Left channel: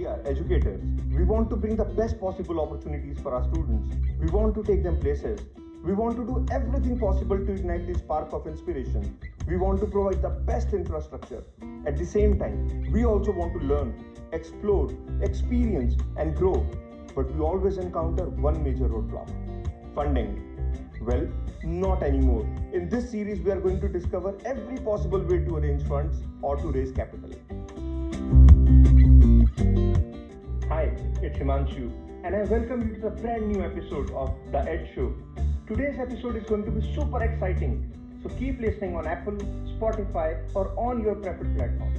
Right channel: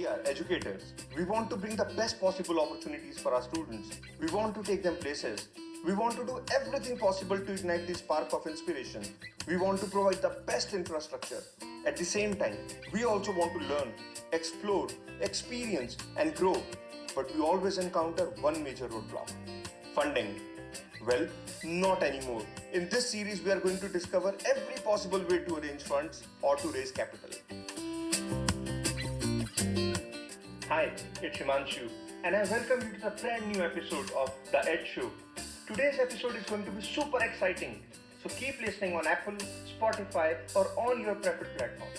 We are educators. We want to bring the best possible opportunities for our students. We want to take them places. We want to do everything possible to ignite the spark of inspiration. We want to provide the best infrastructure. At the same time, we also want to learn, explore, experience, and grow. But we always encounter one major roadblock: funding. Well, not anymore. In this series, we are going to discover every possible way to arrange funds or to raise capital. Hi, it's Himannshu, and I welcome you to the brand new episode of The TEDS Show. Today's episode is going to be super exciting, so keep listening on Apple, Spotify, or on your preferred platform.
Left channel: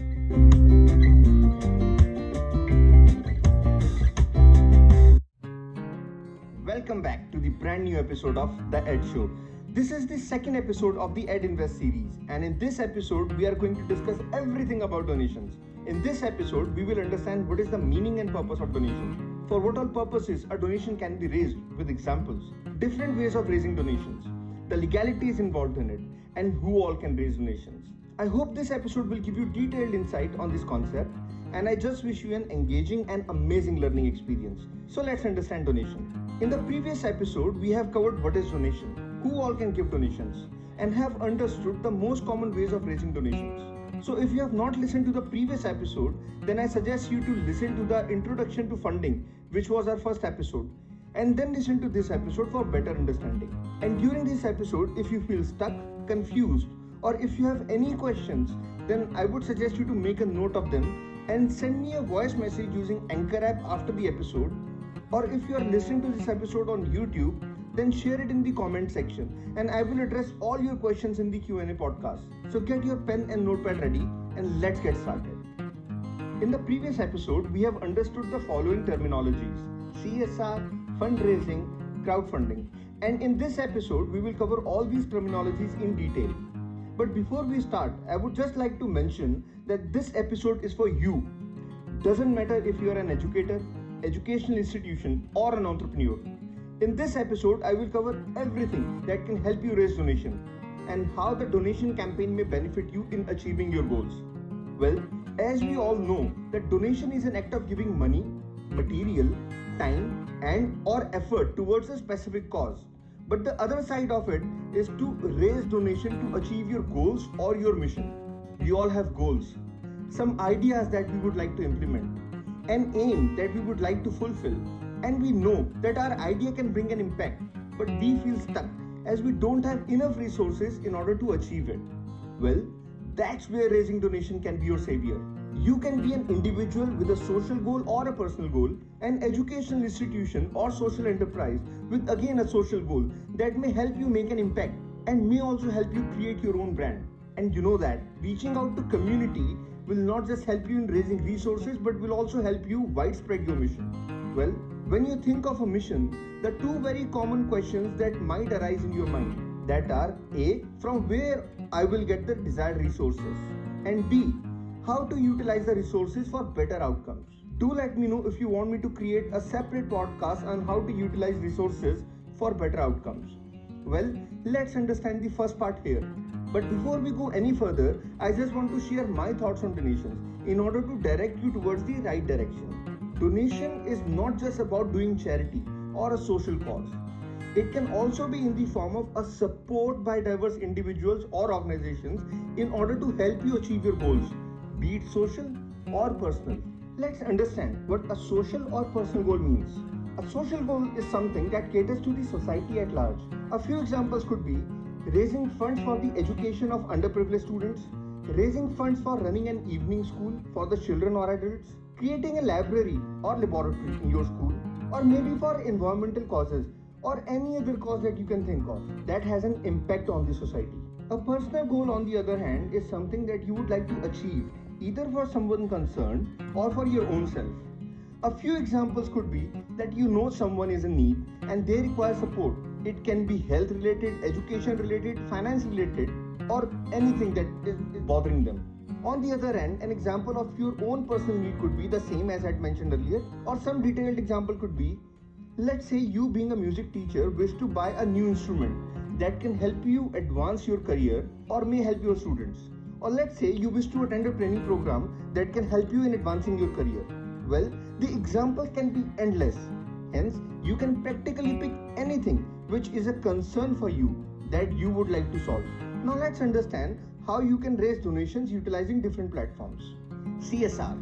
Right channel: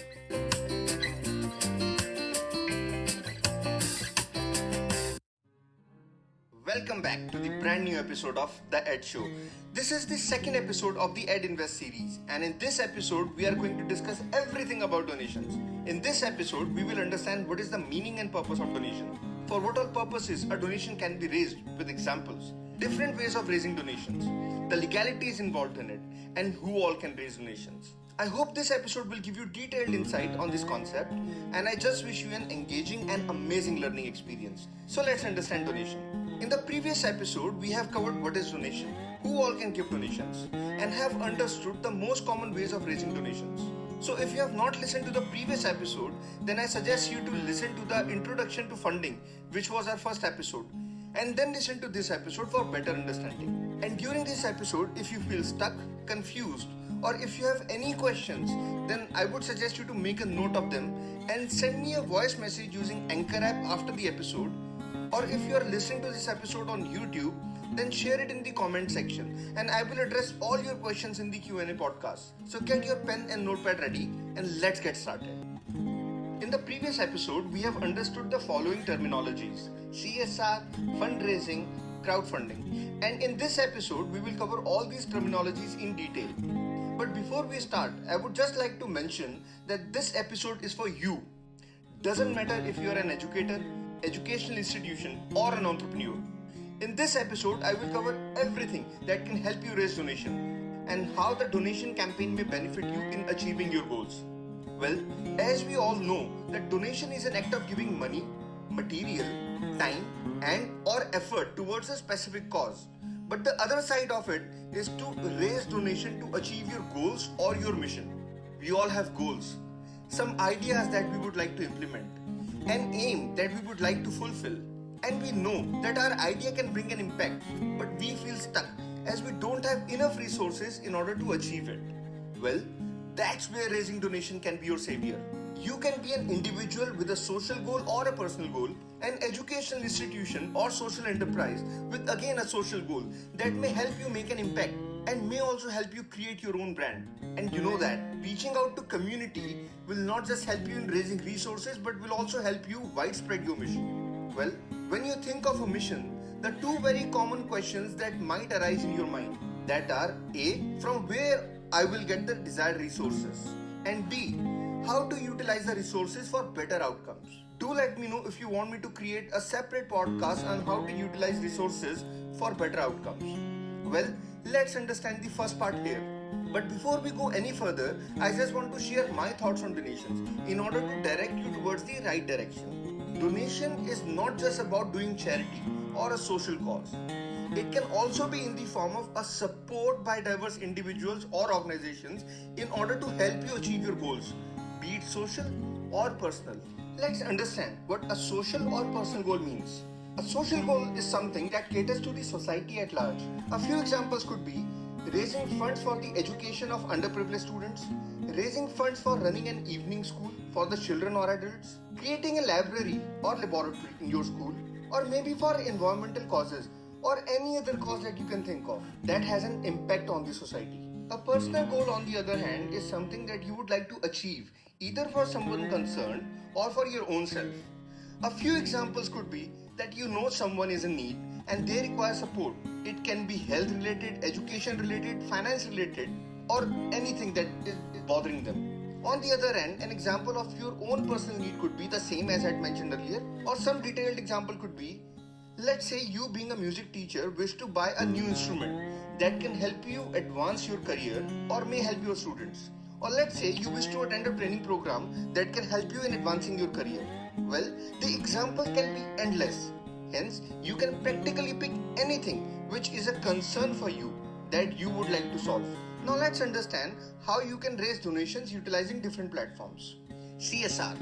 Welcome back to the brand new episode of The TEDS Show. This is the second episode of the Ed Invest series, and in this episode, we are going to discuss everything about donations. In this episode, we will understand what is the meaning and purpose of donation, for what all purposes a donation can be raised with examples, different ways of raising donations, the legalities involved in it, and who all can raise donations. I hope this episode will give you detailed insight on this concept, and I just wish you an engaging and amazing learning experience. So let's understand donation. In the previous episode, we have covered what is donation, who all can give donations, and have understood the most common ways of raising donations. So if you have not listened to the previous episode, then I suggest you to listen to the introduction to funding, which was our first episode, and then listen to this episode for better understanding. And during this episode, if you feel stuck, confused, or if you have any questions, then I would suggest you to make a note of them and send me a voice message using Anchor app after the episode. Or if you are listening to this episode on YouTube, then share it in the comment section and I will address all your questions in the Q&A podcast. So get your pen and notepad ready and let's get started. In the previous episode, we have understood the following terminologies: CSR, fundraising, crowdfunding. And in this episode, we will cover all these terminologies in detail. But before we start, I would just like to mention that this episode is for you. Doesn't matter if you are an educator, educational institution, or an entrepreneur. In this episode, I will cover everything that can help you raise donation and how the donation campaign may benefit you in achieving your goals. Well, as we all know that donation is an act of giving money, material, time, and or effort towards a specific cause. But the other side of it is to raise donation to achieve your goals or your mission. We all have goals, some ideas that we would like to implement, an aim that we would like to fulfill, and we know that our idea can bring an impact, but we feel stuck as we don't have enough resources in order to achieve it. Well, that's where raising donation can be your savior. You can be an individual with a social goal or a personal goal, an educational institution or social enterprise with again a social goal that may help you make an impact and may also help you create your own brand. And you know that reaching out to community will not just help you in raising resources but will also help you widespread your mission. Well, when you think of a mission, the two very common questions that might arise in your mind that are A, from where I will get the desired resources, and B, how to utilize the resources for better outcomes. Do let me know if you want me to create a separate podcast on how to utilize resources for better outcomes. Well, let's understand the first part here. But before we go any further, I just want to share my thoughts on donations in order to direct you towards the right direction. Donation is not just about doing charity or a social cause. It can also be in the form of a support by diverse individuals or organizations in order to help you achieve your goals, be it social or personal. Let's understand what a social or personal goal means. A social goal is something that caters to the society at large. A few examples could be raising funds for the education of underprivileged students, raising funds for running an evening school for the children or adults, creating a library or laboratory in your school, or maybe for environmental causes or any other cause that you can think of that has an impact on the society. A personal goal, on the other hand, is something that you would like to achieve either for someone concerned or for your own self. A few examples could be that you know someone is in need and they require support. It can be health related, education related, finance related, or anything that is bothering them. On the other hand, an example of your own personal need could be the same as I had mentioned earlier, or some detailed example could be, let's say you being a music teacher wish to buy a new instrument that can help you advance your career or may help your students. Or let's say you wish to attend a training program that can help you in advancing your career. Well, the example can be endless. Hence, you can practically pick anything which is a concern for you that you would like to solve. Now let's understand how you can raise donations utilizing different platforms. CSR.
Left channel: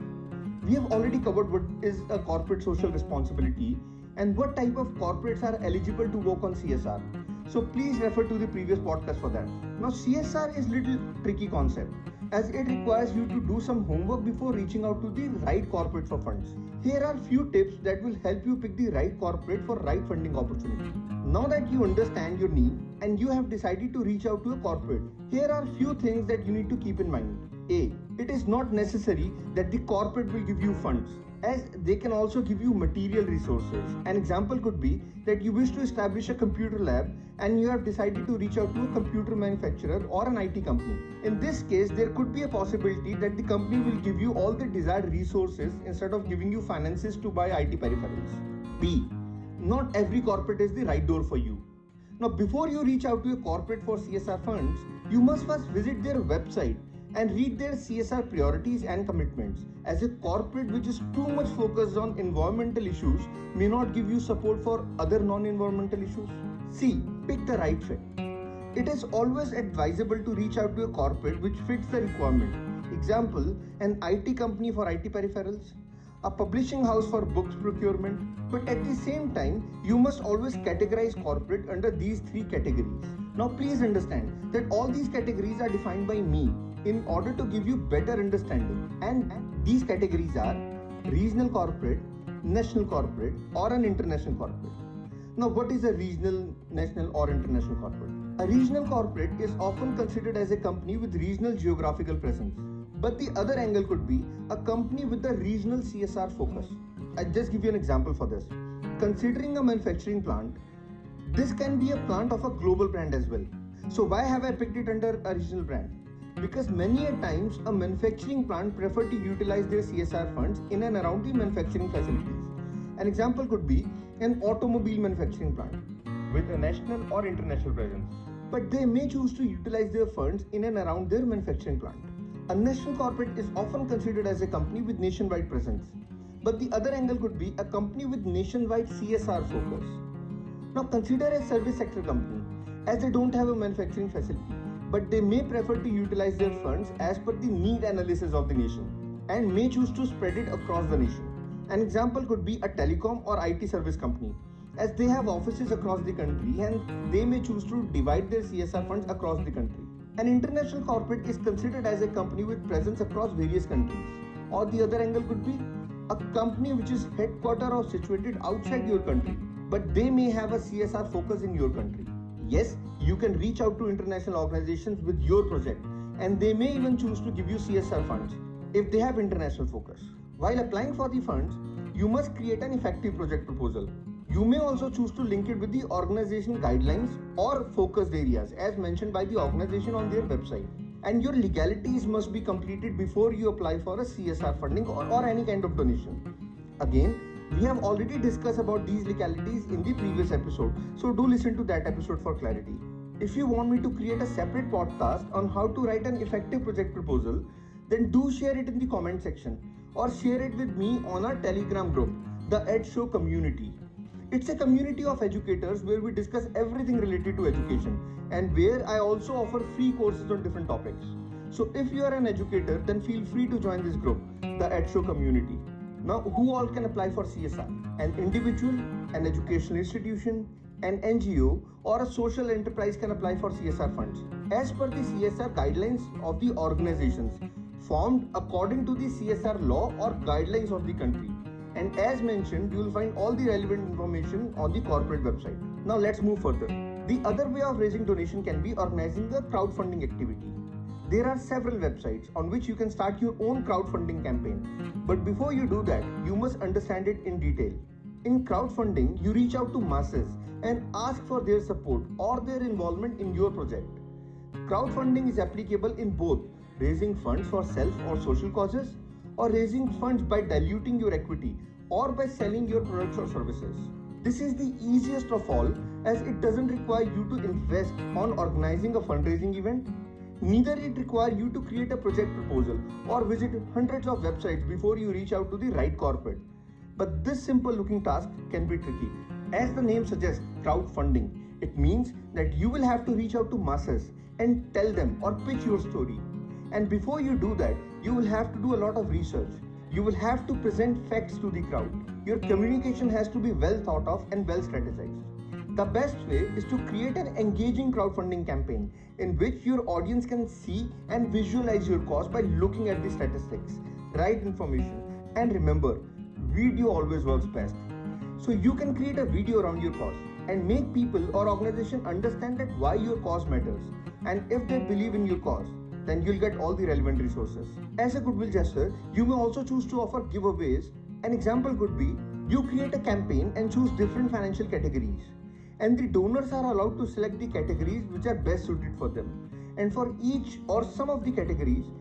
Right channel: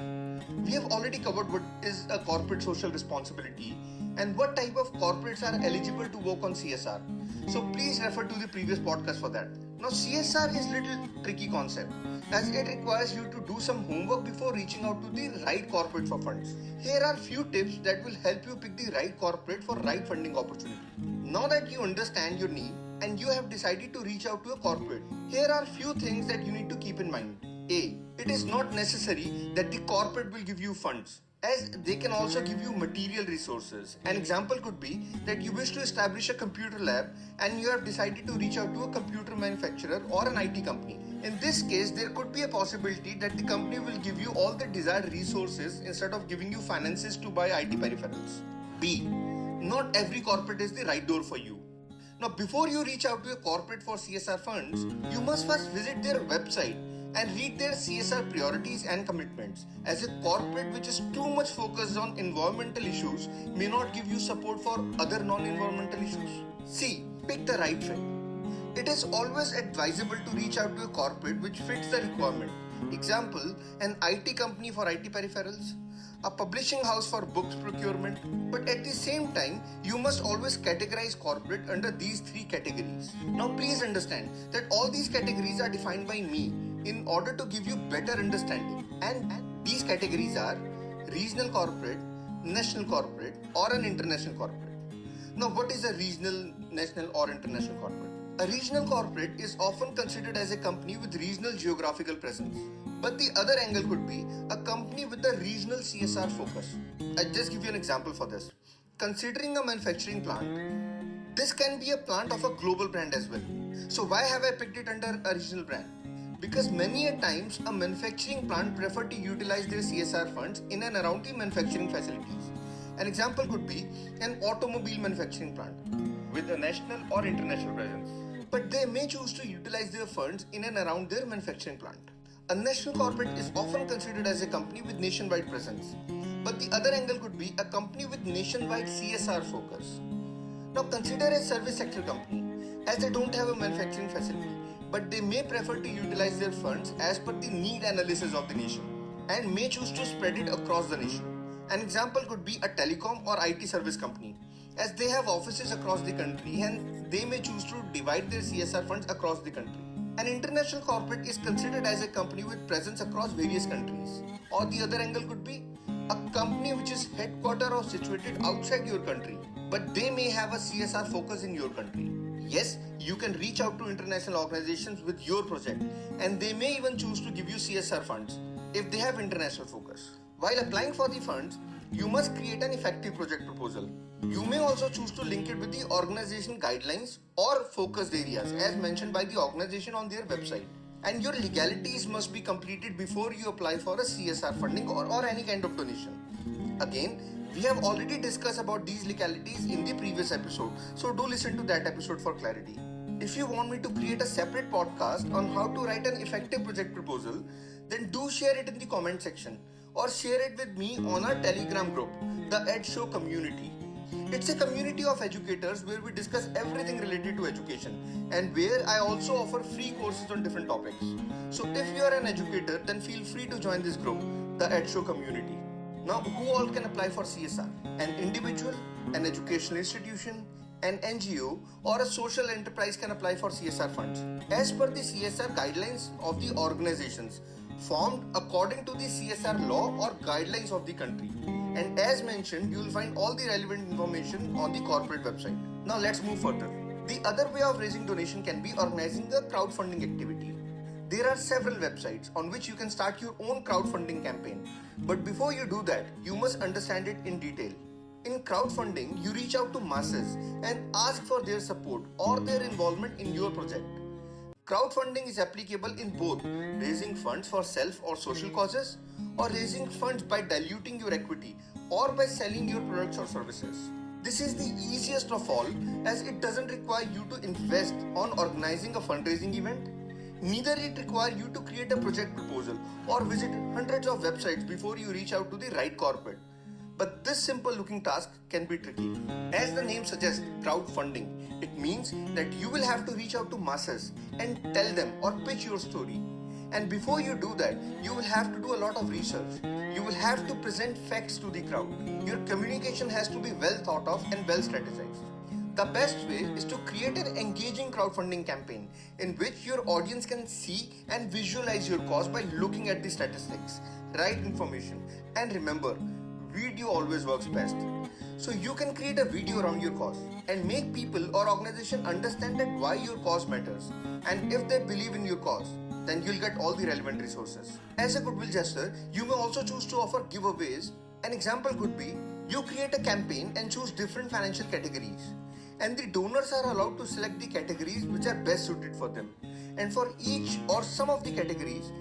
We have already covered what is a corporate social responsibility and what type of corporates are eligible to work on CSR. So please refer to the previous podcast for that. Now CSR is little tricky concept as it requires you to do some homework before reaching out to the right corporate for funds. Here are few tips that will help you pick the right corporate for right funding opportunity. Now that you understand your need and you have decided to reach out to a corporate, here are few things that you need to keep in mind. A. It is not necessary that the corporate will give you funds, as they can also give you material resources. An example could be that you wish to establish a computer lab and you have decided to reach out to a computer manufacturer or an IT company. In this case, there could be a possibility that the company will give you all the desired resources instead of giving you finances to buy IT peripherals. B. Not every corporate is the right door for you. Now, before you reach out to a corporate for CSR funds, you must first visit their website and read their CSR priorities and commitments, as a corporate which is too much focused on environmental issues may not give you support for other non-environmental issues. C. Pick the right fit. It is always advisable to reach out to a corporate which fits the requirement. Example, an IT company for IT peripherals, a publishing house for books procurement. But at the same time, you must always categorize corporate under these three categories. Now please understand that all these categories are defined by me in order to give you better understanding. And these categories are regional corporate, national corporate, or an international corporate. Now what is a regional, national, or international corporate? A regional corporate is often considered as a company with regional geographical presence. But the other angle could be a company with a regional CSR focus. I'll just give you an example for this. Considering a manufacturing plant, this can be a plant of a global brand as well. So why have I picked it under a regional brand? Because many a times a manufacturing plant prefer to utilize their CSR funds in and around the manufacturing facilities. An example could be an automobile manufacturing plant with a national or international presence. But they may choose to utilize their funds in and around their manufacturing plant. A national corporate is often considered as a company with nationwide presence. But the other angle could be a company with nationwide CSR focus. Now consider a service sector company, as they don't have a manufacturing facility, but they may prefer to utilize their funds as per the need analysis of the nation and may choose to spread it across the nation. An example could be a telecom or IT service company, as they have offices across the country and they may choose to divide their CSR funds across the country. An international corporate is considered as a company with presence across various countries. Or the other angle could be a company which is headquartered or situated outside your country, but they may have a CSR focus in your country. Yes, you can reach out to international organizations with your project and they may even choose to give you CSR funds if they have international focus. While applying for the funds, you must create an effective project proposal. You may also choose to link it with the organization guidelines or focused areas as mentioned by the organization on their website. And your legalities must be completed before you apply for a CSR funding or any kind of donation. Again, we have already discussed about these legalities in the previous episode, so do listen to that episode for clarity. If you want me to create a separate podcast on how to write an effective project proposal, then do share it in the comment section or share it with me on our Telegram group, the Ed Show community. It's a community of educators where we discuss everything related to education and where I also offer free courses on different topics. So if you are an educator, then feel free to join this group, the Ed Show community. Now, who all can apply for CSR? An individual, an educational institution, an NGO, or a social enterprise can apply for CSR funds as per the CSR guidelines of the organizations formed according to the CSR law or guidelines of the country. And as mentioned, you will find all the relevant information on the corporate website. Now let's move further. The other way of raising donation can be organizing a crowdfunding activity. There are several websites on which you can start your own crowdfunding campaign. But before you do that, you must understand it in detail. In crowdfunding, you reach out to masses and ask for their support or their involvement in your project. Crowdfunding is applicable in both raising funds for self or social causes, or raising funds by diluting your equity or by selling your products or services. This is the easiest of all as it doesn't require you to invest on organizing a fundraising event. Neither it requires you to create a project proposal or visit hundreds of websites before you reach out to the right corporate. But this simple looking task can be tricky. As the name suggests, crowdfunding, it means that you will have to reach out to masses and tell them or pitch your story. And before you do that, you will have to do a lot of research. You will have to present facts to the crowd. Your communication has to be well thought of and well strategized. The best way is to create an engaging crowdfunding campaign in which your audience can see and visualize your cause by looking at the statistics, right information, and remember, video always works best. So you can create a video around your cause and make people or organization understand that why your cause matters. And if they believe in your cause, then you'll get all the relevant resources. As a goodwill gesture, you may also choose to offer giveaways. An example could be, you create a campaign and choose different financial categories. And the donors are allowed to select the categories which are best suited for them. And for each or some of the categories,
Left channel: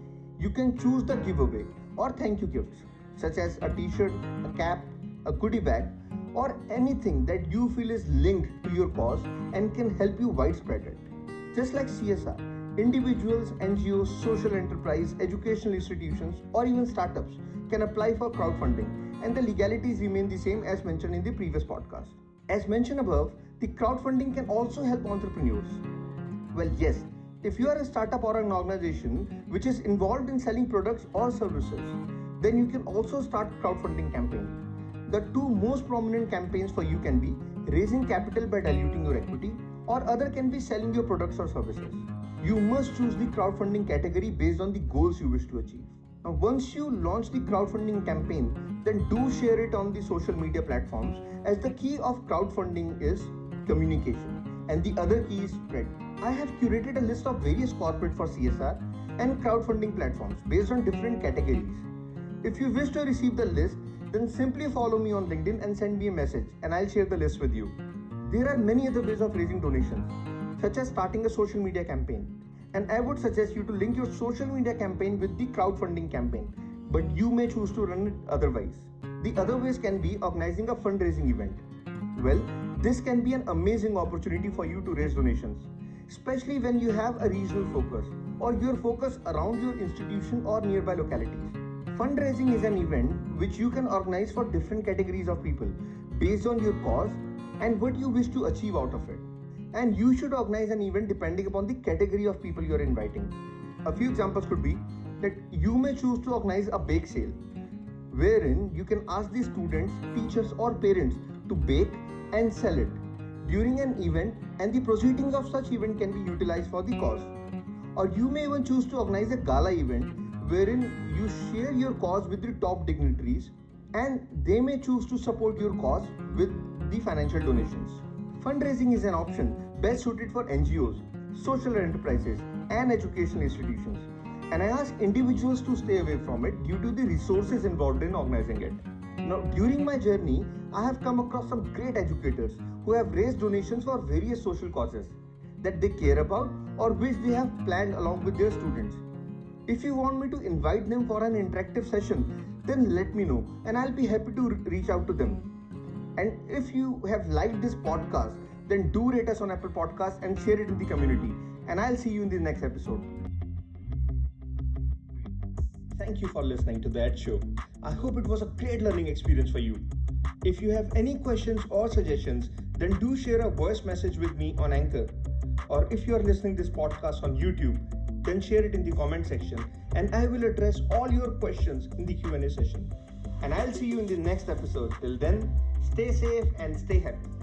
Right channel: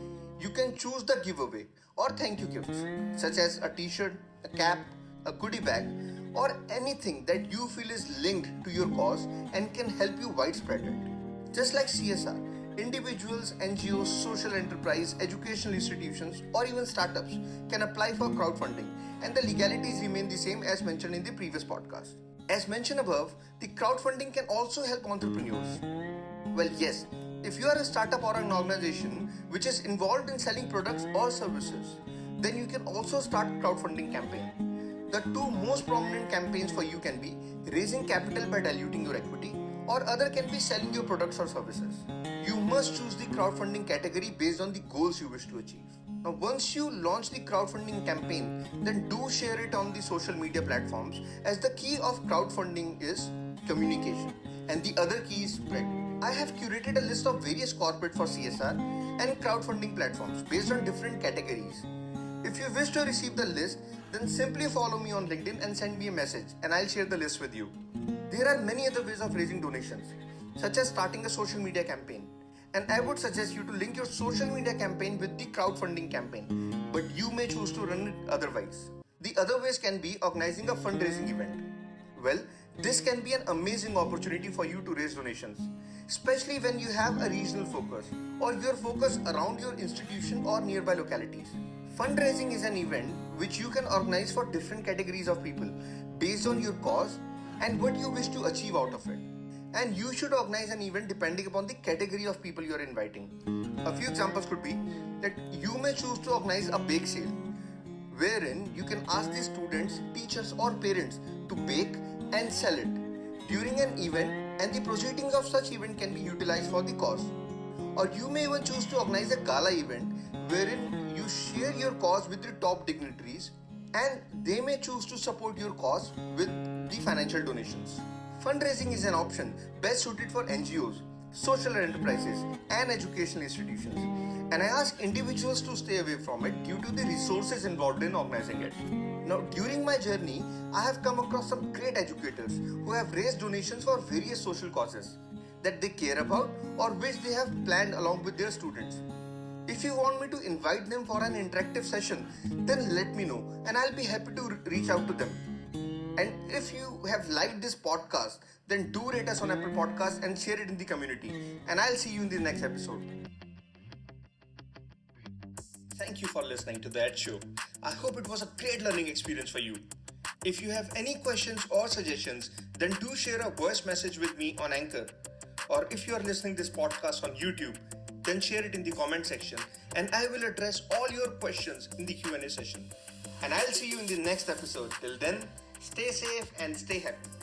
you can choose the giveaway or thank you gifts, such as a t-shirt, a cap, a goodie bag, or anything that you feel is linked to your cause and can help you widespread it. Just like CSR, individuals, NGOs, social enterprise, educational institutions, or even startups can apply for crowdfunding, and the legalities remain the same as mentioned in the previous podcast. As mentioned above, the crowdfunding can also help entrepreneurs. Well, yes, if you are a startup or an organization which is involved in selling products or services, then you can also start crowdfunding campaign. The two most prominent campaigns for you can be raising capital by diluting your equity, or other can be selling your products or services. You must choose the crowdfunding category based on the goals you wish to achieve. Now, once you launch the crowdfunding campaign, then do share it on the social media platforms, as the key of crowdfunding is communication and the other key is spread. I have curated a list of various corporate for CSR and crowdfunding platforms based on different categories. If you wish to receive the list, then simply follow me on LinkedIn and send me a message and I'll share the list with you. There are many other ways of raising donations, such as starting a social media campaign. And I would suggest you to link your social media campaign with the crowdfunding campaign, but you may choose to run it otherwise. The other ways can be organizing a fundraising event. Well, this can be an amazing opportunity for you to raise donations, especially when you have a regional focus or your focus around your institution or nearby localities. Fundraising is an event which you can organize for different categories of people based on your cause and what you wish to achieve out of it. And you should organize an event depending upon the category of people you are inviting. A few examples could be that you may choose to organize a bake sale, wherein you can ask the students, teachers or parents to bake and sell it during an event, and the proceedings of such event can be utilized for the cause. Or you may even choose to organize a gala event wherein you share your cause with the top dignitaries and they may choose to support your cause with the financial donations. Fundraising is an option best suited for NGOs, social enterprises, and educational institutions. And I ask individuals to stay away from it due to the resources involved in organizing it. Now, during my journey, I have come across some great educators who have raised donations for various social causes that they care about or which they have planned along with their students. If you want me to invite them for an interactive session, then let me know and I'll be happy to reach out to them. And if you have liked this podcast, then do rate us on Apple Podcasts and share it in the community. And I'll see you in the next episode. Thank you for listening to the Ed Show. I hope it was a great learning experience for you. If you have any questions or suggestions, then do share a voice message with me on Anchor. Or if you are listening this podcast on YouTube, then share it in the comment section and I will address all your questions in the Q&A session. And I'll see you in the next episode. Till then, stay safe and stay happy.